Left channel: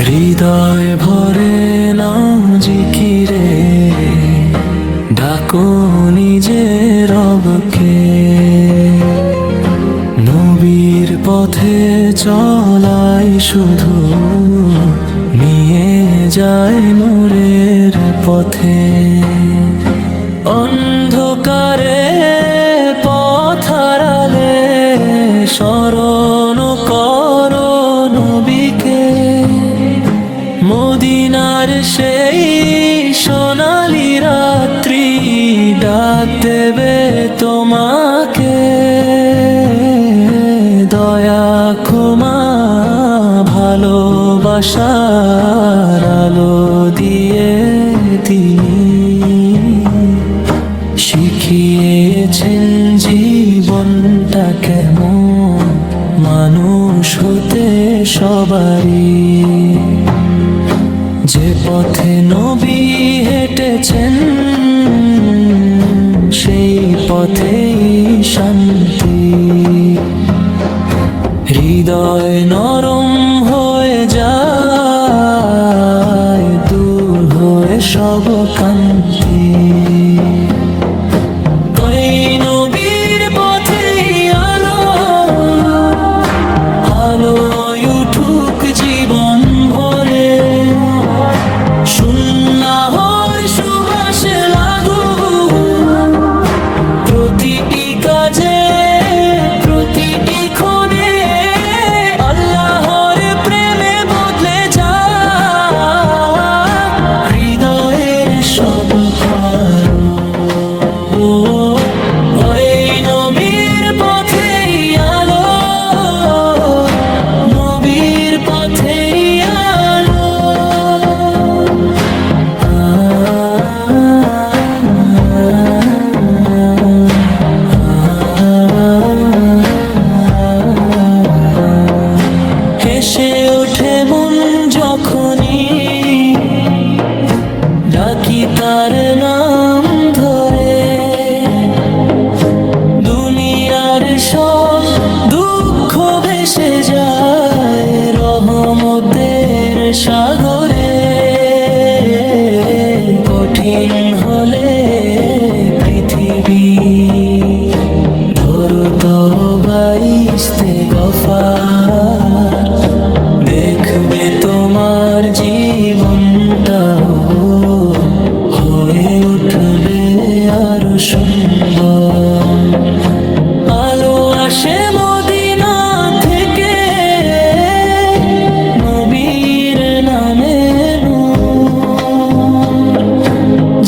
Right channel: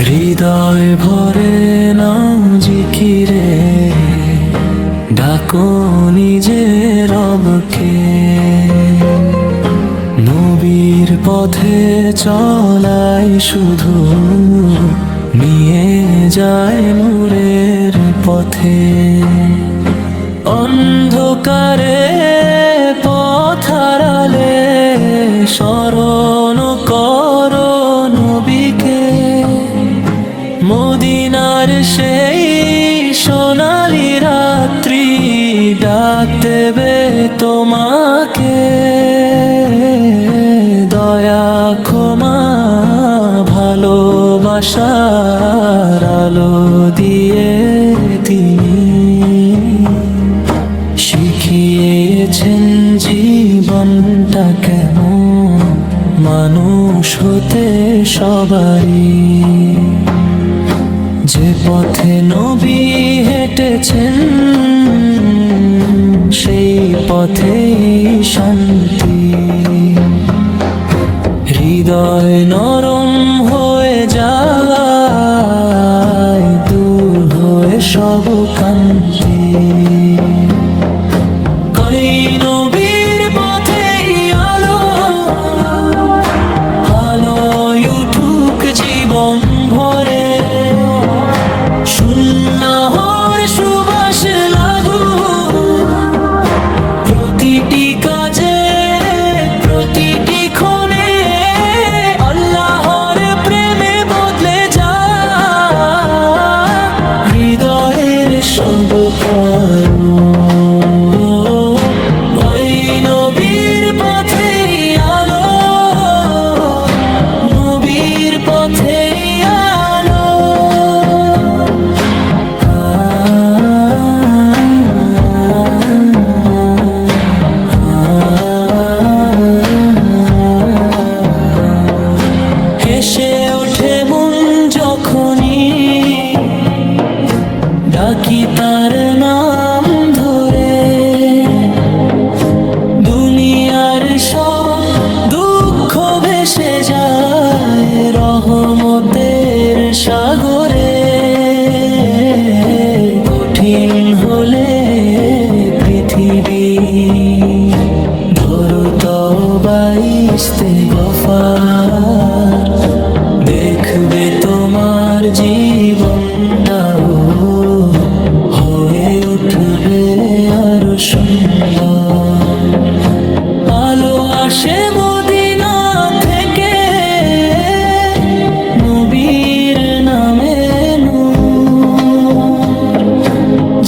হৃদয় ভরে নাও জিকিরে, ডাকো নিজের রবকে। নবীর পথে চলাই শুধু নিয়ে যায় নূরের পথে। অন্ধকারে পথারালে স্মরণ করো নবীকে। মদিনার সেই সোনালি রাত্রি ডাক দেবে তোমাকে। দয়া, ক্ষমা, ভালোবাসার আলো দিয়ে তিনি। শিখিয়েছেন জীবনটা কেমন? মানুষ হতে সবারই। যে পথে নবী হেঁটেছেন, সেই পথেই শান্তি। হৃদয় নরম হয়ে যায়, দূর হয়ে সব কান্তি সব করো ওই নবীর আলো নবীর পথেই আলো। ওঠে মন যখনই ডাকি তার নাম ধরে। দুনিয়ার সব দুঃখ ভেসে যায় রহমতের সাগরে। কঠিন হলে পৃথিবী ধরো তবাইস্তে গফার। দেখবে তোমার জীবনটাও, হয়ে উঠবে আরও সুন্দর। আলো আসে মদিনা থেকে, নবীর নামে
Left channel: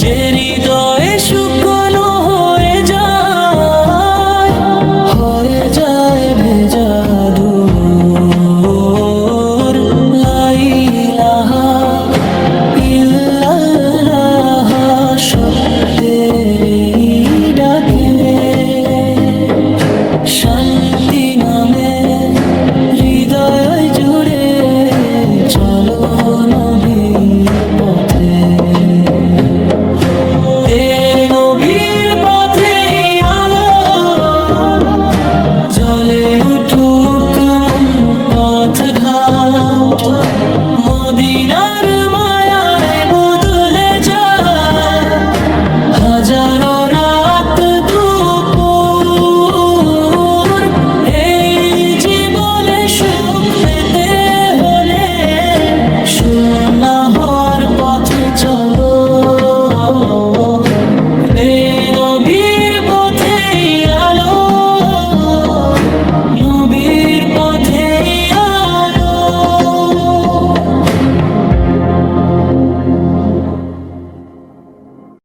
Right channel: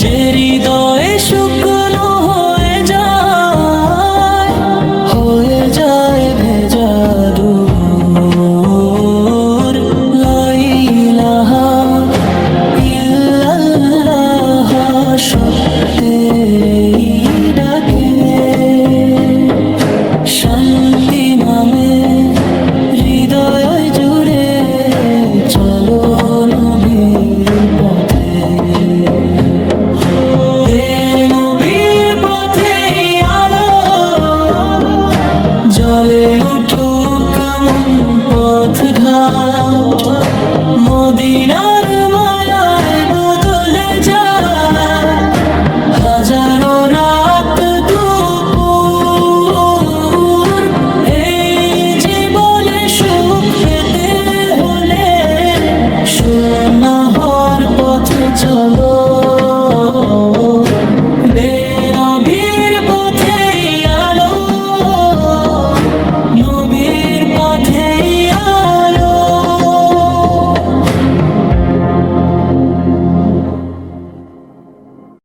যে হৃদয়ে শুকনো হয়ে যায় হয়ে যায় ভেজা দূর। সত্যের এই ডাকে শান্তি নামে হৃদয় জুড়ে চলো। পথে আ